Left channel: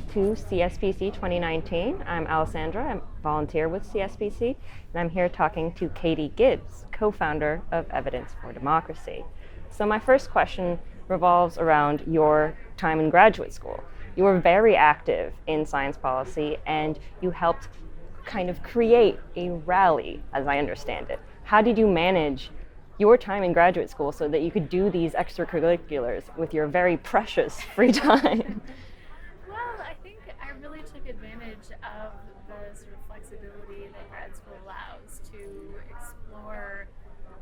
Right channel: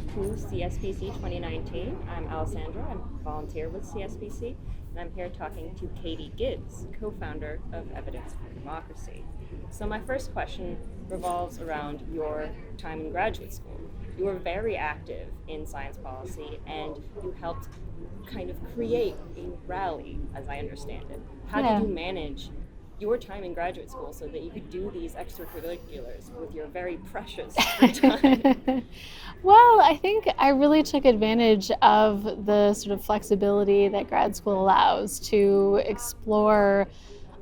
welcome to CSPC 2019. I'm Alessandra, I'm a volunteer with CSPC, and I'm here talking to Katie Gibbs, co-founder of Evidence for Democracy. So my first question revolves around your time in graduate school. You were very active in science policy, and you helped kind of create a rally, as I understand it. How did you manage your time in graduate school so that you could do these extracurriculars with your very precious free time? Well, I think I really took advantage of the sort of flexibility that grad school allows to explore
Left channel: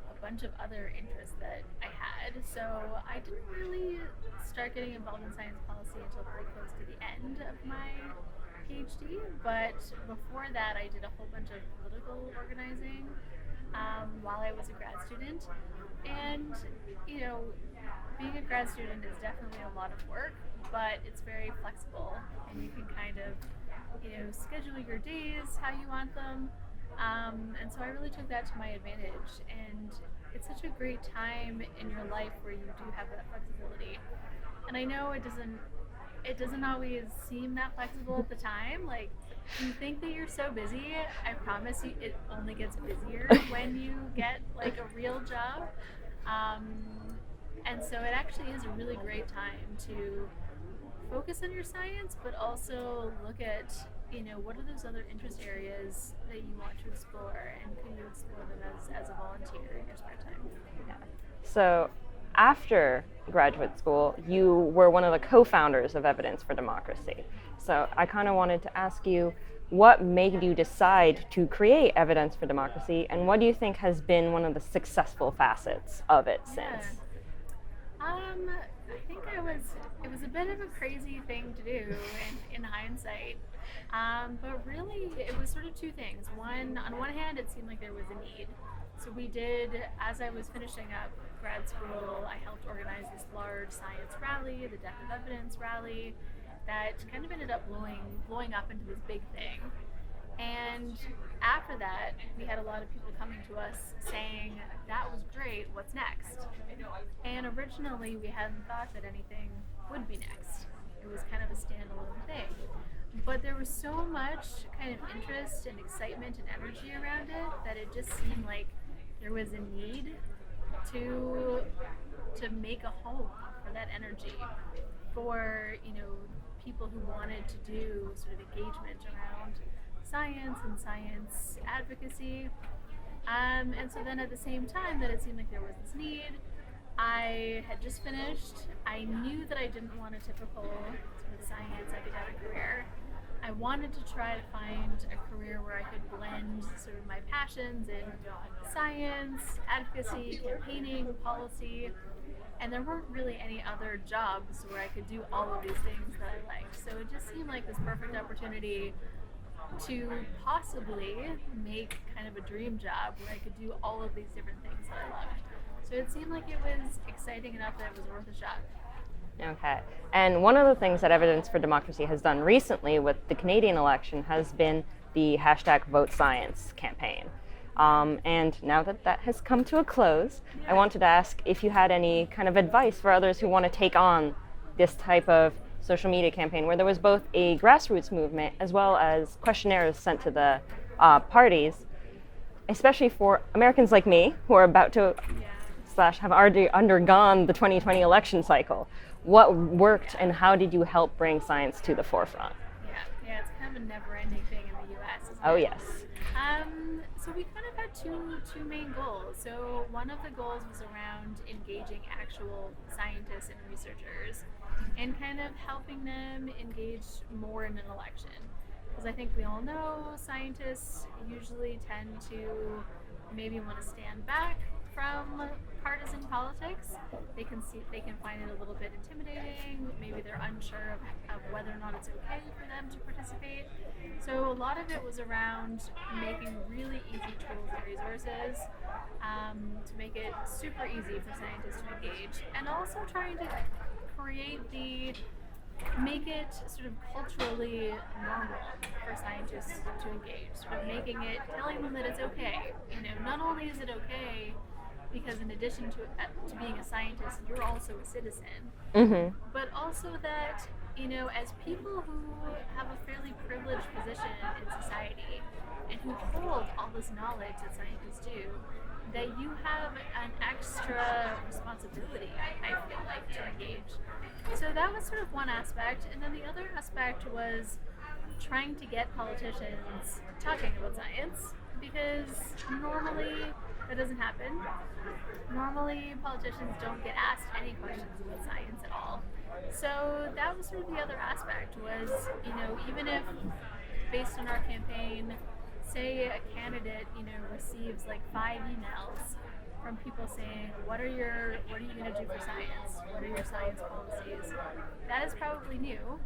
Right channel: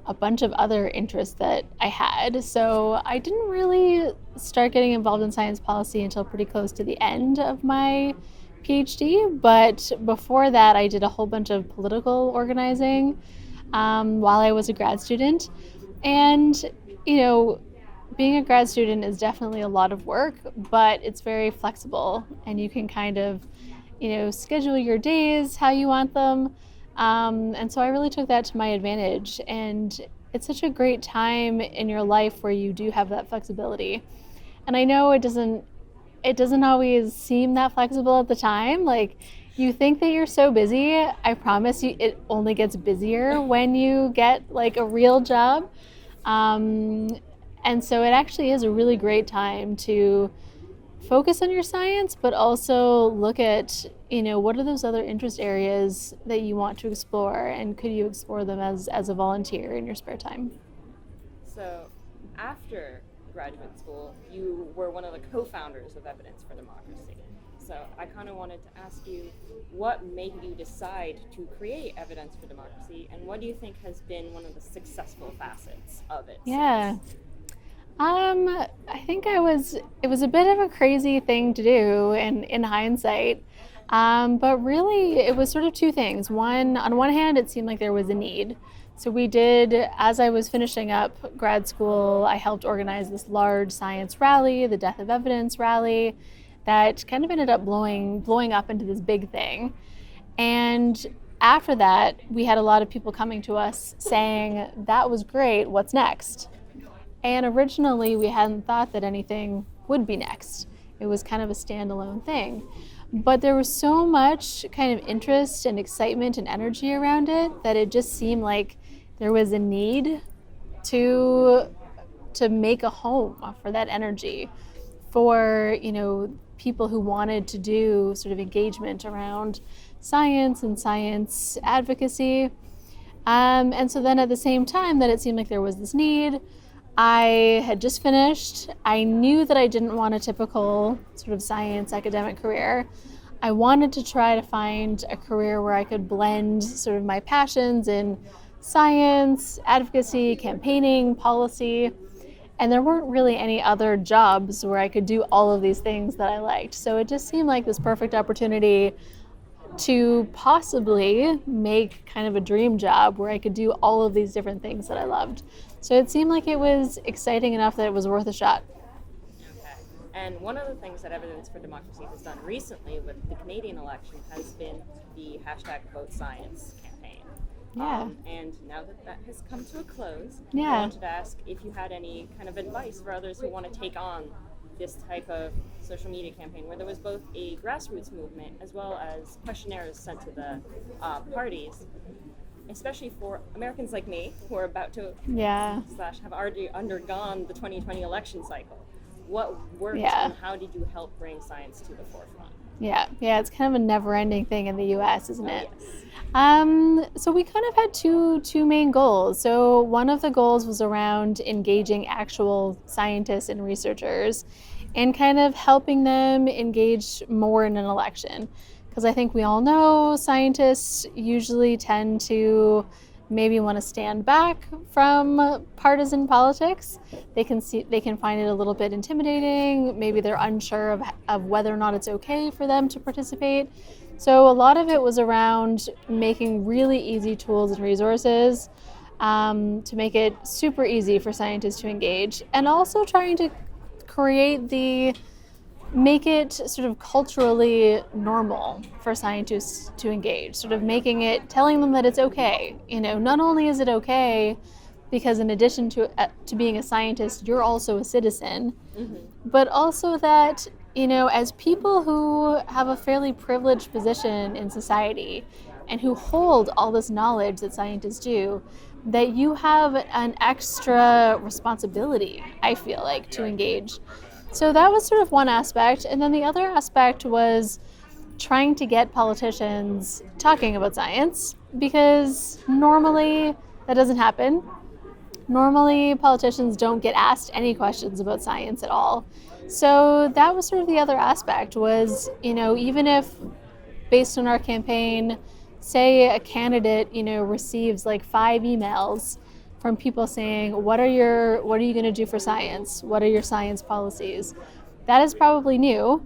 a bunch of other interests that I had. So I didn't really start getting involved in science policy until pretty close to the end of my PhD. But before that, I did a whole bunch of political organizing while I was a grad student. And, being a grad student is definitely a lot of work, but it's very flexible and you can kind of, schedule your days how you want them. And so I really took that to my advantage. And it's such a great time in your life where you do have that flexibility. And I know it doesn't always seem that flexible at the time. Like, you think that you're so busy. I promise you, it only gets busier when you get like a real job. And so it actually is a really great time to focus on your science, but also look at, what are those other interest areas that you want to explore, and could you explore them as a volunteer in your spare time? So after graduate school, you were one of the co-founders of Evidence for Democracy. So I kind of wanted to ask you, what made you decide to create Evidence for Democracy, and what do you think has been one of the successful facets of it since? I think it was a bit of a crazy thing to do in hindsight. But really it was sort of two things. On one hand, it seemed like there was a need. So as I was finishing up grad school, I helped organize this large science rally, the Death of Evidence rally, that kind of ended up blowing up into this big thing. And after that, we had a lot of people coming to us saying, that was great, what's next? And originally we hadn't thought that anything would be next. It was kind of a standalone thing. But there was so much kind of interest and excitement and energy around it that it just seemed like there was a need to make a home for that energy, for people who wanted to do sort of engagement around science and science advocacy. And so then at the same time that it seemed like there was this need, I had just finished. I knew that I didn't want a typical sort of science academic career. I wanted to try to find a career where I could blend sort of my passions in science, advocacy, campaigning, policy, and there weren't really any other jobs where I could do all of these things that I liked. So it just seemed like this perfect opportunity to possibly make kind of a dream job where I could do all of these different things that I loved. So it seemed like it was exciting enough that it was worth a shot. Okay. And one of the things that Evidence for Democracy has done recently with the Canadian election has been the #VoteScience campaign. Yeah. And now that that has come to a close, Yeah. I wanted to ask if you had any kind of advice for others who want to take on this type of social media campaign where there was both a grassroots movement as well as questionnaires sent to the parties, especially for Americans like me who are about to have already undergone the 2020 election cycle. What worked and how did you help bring science to the forefront? Yeah, it's kind of a never-ending thing in the U.S., isn't it? Oh, yes. So we kind of had two main goals. So one of the goals was around engaging actual scientists and researchers and kind of helping them engage more in an election. Because I think we all know scientists usually tend to maybe want to stand back from partisan politics. They can find it a little bit intimidating. Maybe they're unsure of whether or not it's okay for them to participate. So a lot of it was around making really easy tools and resources to make it super easy for scientists to engage, and also trying to make it sort of culturally normal for scientists to engage, sort of telling them that it's okay. Not only is it okay because in addition to being a scientist, you're also a citizen, but also that, as people who have a fairly privileged position in society and who hold all this knowledge that scientists do, that you have an extra responsibility, I feel like, to engage. So that was sort of one aspect. And then the other aspect was trying to get politicians talking about science, because normally that doesn't happen. Normally, politicians don't get asked any questions about science at all. So that was sort of the other aspect was, even if based on our campaign, say a candidate, receives like 5 emails from people saying, what are you going to do for science? What are your science policies? That is probably new.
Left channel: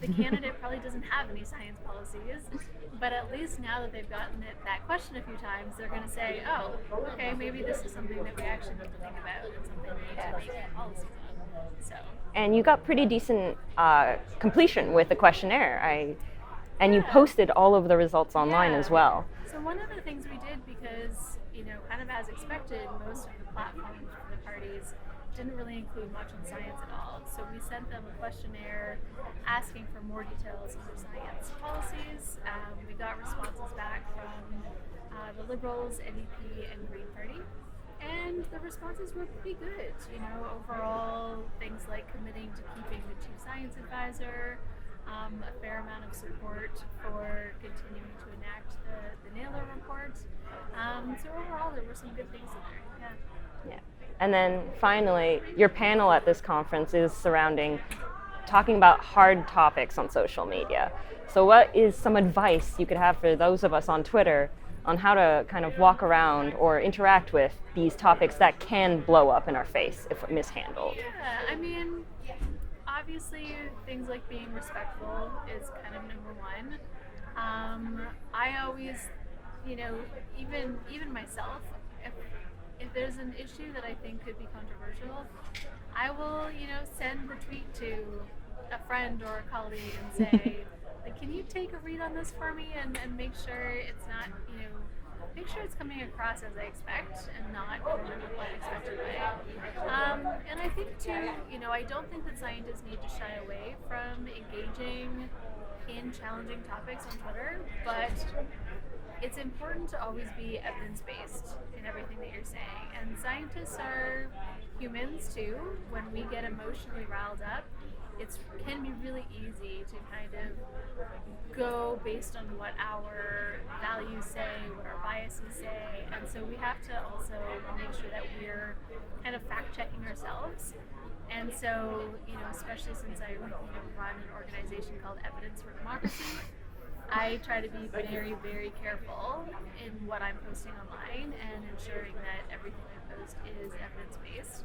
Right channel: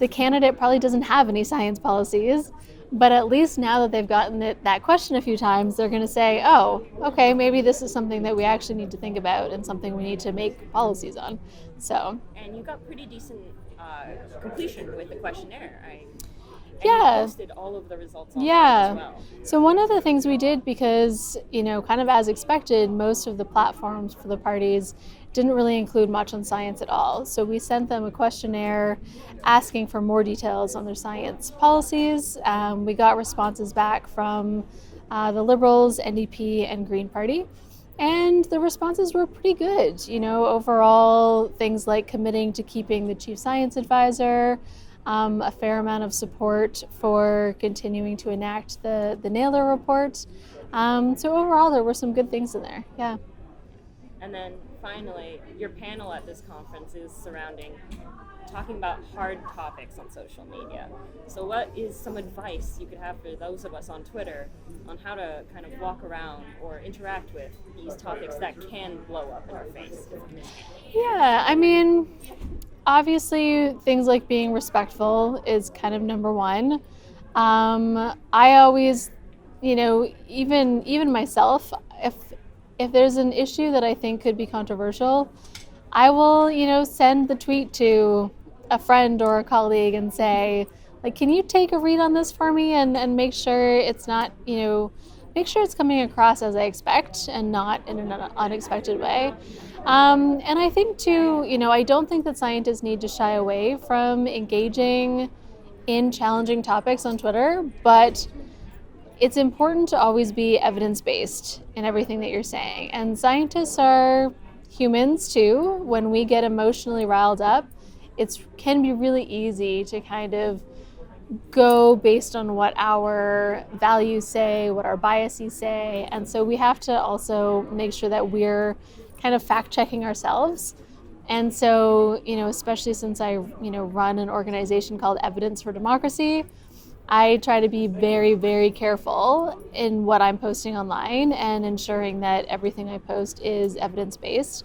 The candidate probably doesn't have any science policies, but at least now that they've gotten that question a few times, they're going to say, oh, okay, maybe this is something that we actually need to think about and something we need to make policies on. So. And you got pretty decent completion with the questionnaire. And Yeah. you posted all of the results online as well. So one of the things we did, because, kind of as expected, most of the platforms for the parties didn't really include much on science at all. So we sent them a questionnaire asking for more details on their science policies. We got responses back from the Liberals, NDP, and Green Party. And the responses were pretty good. Overall, things like committing to keeping the chief science advisor, a fair amount of support for continuing to enact the Naylor report. So overall, there were some good things in there. Yeah. And then finally, your panel at this conference is surrounding talking about hard topics on social media. So what is some advice you could have for those of us on Twitter on how to kind of walk around or interact with these topics that can blow up in our face if mishandled? Yeah, obviously things like being respectful is kind of number one. I always, even myself, if there's an issue that I think could be controversial, I will, send the tweet to a friend or a colleague and say, like, can you take a read on this for me and make sure it's not, make sure it's coming across as I expect and not in an unexpected way. And I think too, I don't think that scientists need to shy away from engaging in challenging topics on Twitter, but it's important to always be evidence-based in everything that you're saying. And scientists are humans too. When we get emotionally riled up, it can be really easy to kind of go based on what our values say, what our biases say. And so we have to also make sure that we're kind of fact-checking ourselves. And so, especially since I, run an organization called Evidence for Democracy, I try to be very, very careful in what I'm posting online and ensuring that everything I post is evidence-based.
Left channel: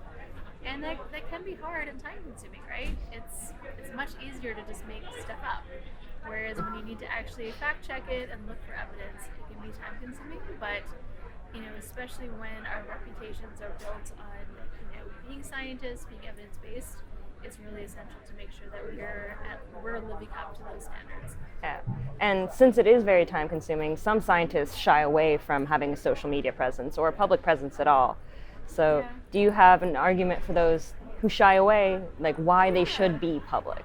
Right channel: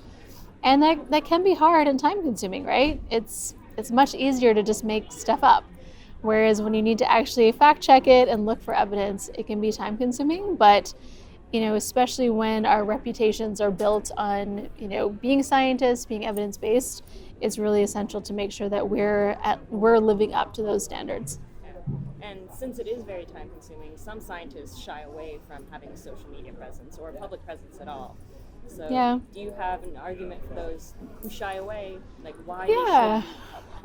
And that can be hard and time-consuming, right? It's much easier to just make stuff up. Whereas when you need to actually fact-check it and look for evidence, it can be time-consuming. But, especially when our reputations are built on, being scientists, being evidence-based, it's really essential to make sure that we're living up to those standards. Yeah. And since it is very time consuming, some scientists shy away from having a social media presence or a public presence at all. So do you have an argument for those who shy away, like why they should be public?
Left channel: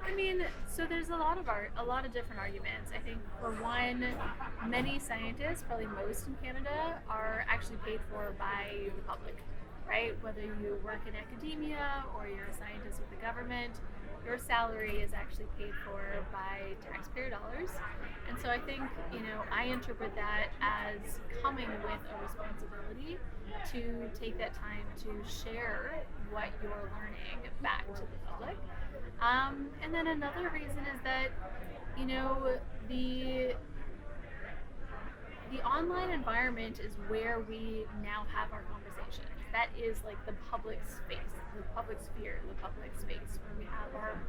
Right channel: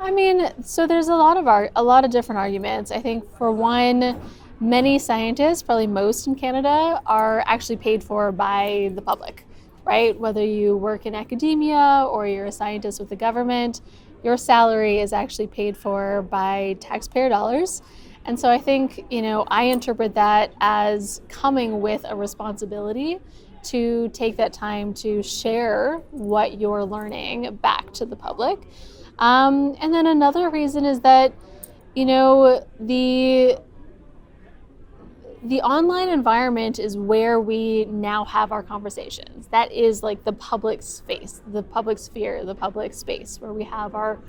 So there's a lot of different arguments. I think for one, many scientists, probably most in Canada, are actually paid for by the public, right? Whether you work in academia or you're a scientist with the government, your salary is actually paid for by taxpayer dollars. And so I think, I interpret that as coming with a responsibility to take that time to share what you're learning back to the public. And then another reason is that, the online environment is where we now have our conversations. That is like the public space, the public sphere, the public space where we have our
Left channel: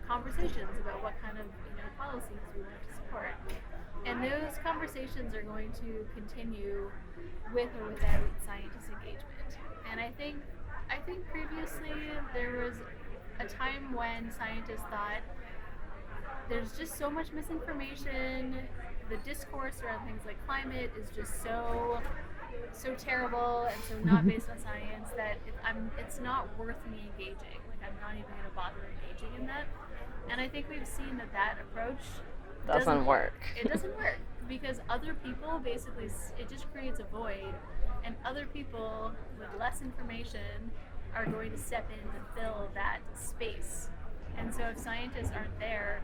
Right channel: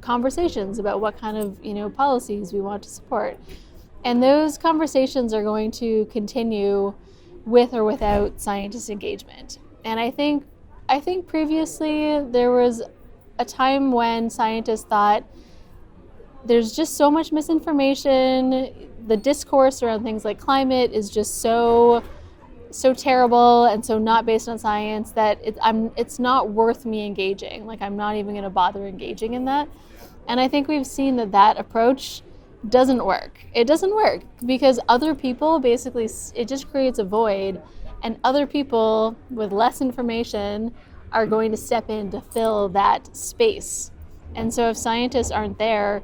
conversations about what kind of, policies we want to support. And those conversations are going to continue with or without scientist engagement. And I think previously there was a time when scientists thought there's just so much misinformation. The discourse around things like climate is just so terrible and so not based on science that it's not worth me engaging. Like, I'm not even going to bother engaging in that. And I think we've seen that approach doesn't work. It doesn't work because other people basically, it just creates a void, and other people with less information are going to step in to fill that space. And so if scientists aren't there,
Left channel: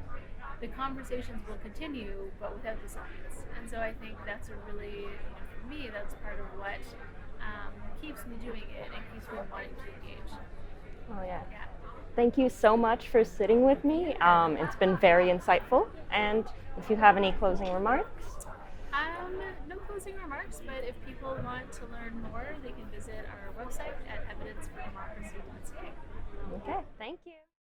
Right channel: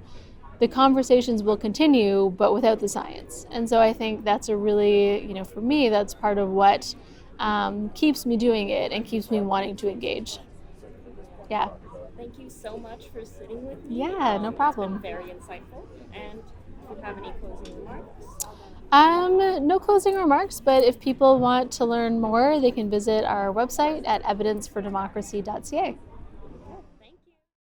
the conversations will continue, but without the science. And so I think that's a really, for me, that's part of what keeps me doing it and keeps me wanting to engage. Oh, yeah. Yeah. Thank you so much for sitting with me. Yeah, no problem. It's been very insightful. And if you have any closing remarks? No closing remarks, but if people want to learn more, they can visit our website at evidencefordemocracy.ca. Okay, thanks.